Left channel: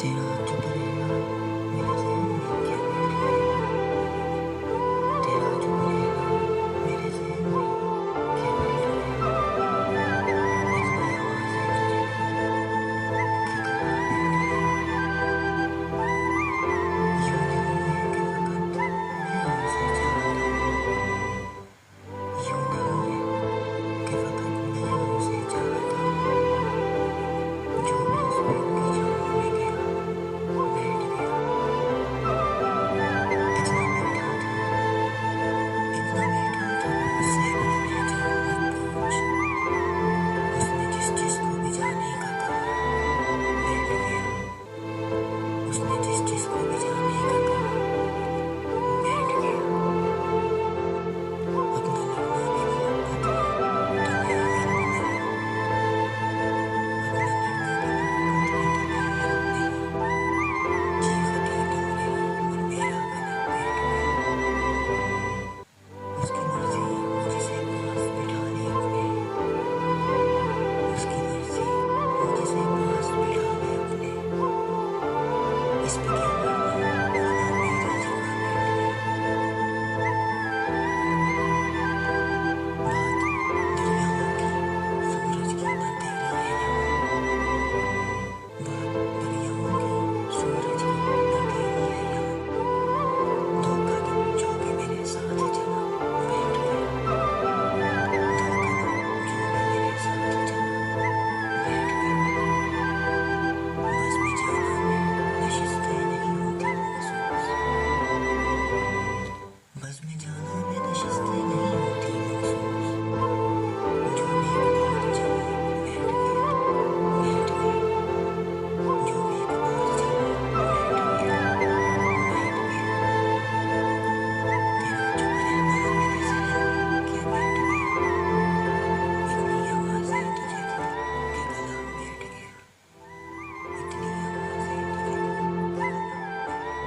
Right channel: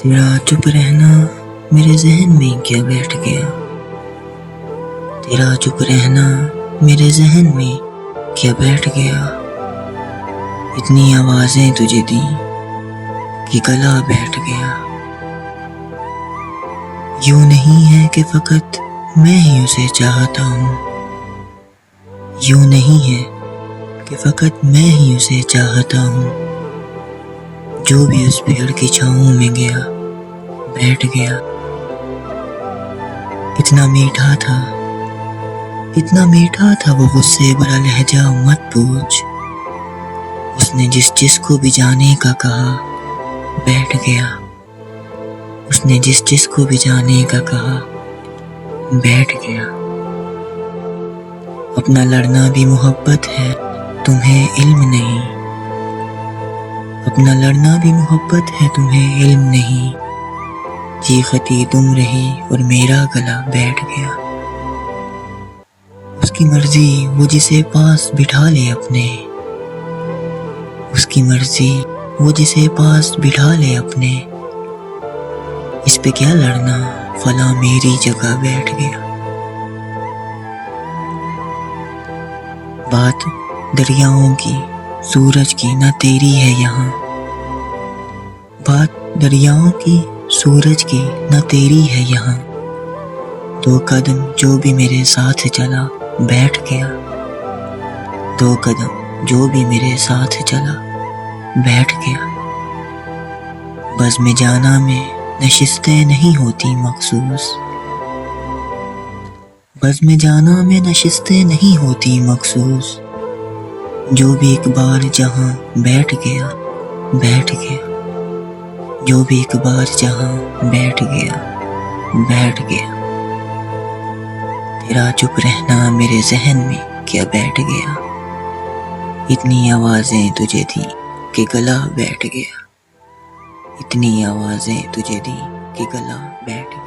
تیرا چپ رہنا میرے ذہن میں کیا بیٹھ گیا، تیرا چپ رہنا میرے ذہن میں کیا بیٹھ گیا، اتنی آوازیں تجھے دی کہ گلا بیٹھ گیا۔ یوں نہیں ہے کہ فقط میں ہی اسے چاہتا ہوں، یوں نہیں ہے کہ فقط میں ہی اسے چاہتا ہوں، جو بھی اس پیڑ کی چھاؤں میں گیا بیٹھ گیا۔ اتنا میٹھا تھا، اتنا میٹھا تھا وہ غصے بھرا لہجہ، مت پوچھ۔ اس نے جس کو بھی جانے کا کہا بیٹھ گیا، اس نے جس کو بھی جانے کا کہا بیٹھ گیا۔ اپنا لڑنا بھی محبت ہے، تمہیں علم نہیں، اپنا لڑنا بھی محبت ہے، تمہیں علم نہیں۔ چیختی تم رہی اور میرا گلا بیٹھ گیا۔ اس کی مرضی وہ جسے پاس بٹھا لے اپنے، اس کی مرضی وہ جسے پاس بٹھا لے اپنے، اس پہ کیا لڑنا، فلاں میری جگہ بیٹھ گیا۔ بات دریاؤں کی سورج کی نہ تیری ہے یہاں، بات دریاؤں کی سورج کی نہ تیری ہے یہاں، دو قدم جو بھی میرے ساتھ چلا بیٹھ گیا، دو قدم جو بھی میرے ساتھ چلا بیٹھ گیا۔ بزم جانا میں نشستیں نہیں ہوتی مخصوص، بزم جانا میں نشستیں نہیں ہوتی مخصوص، جو بھی ایک بار جہاں بیٹھ گیا بیٹھ گیا، جو بھی ایک بار جہاں بیٹھ گیا بیٹھ گیا۔ تیرا چپ رہنا میرے ذہن میں کیا بیٹھ گیا، اتنی آوازیں تجھے دی کہ گلا بیٹھ گیا، اتنی آوازیں تجھے دی کہ گلا بیٹھ گیا۔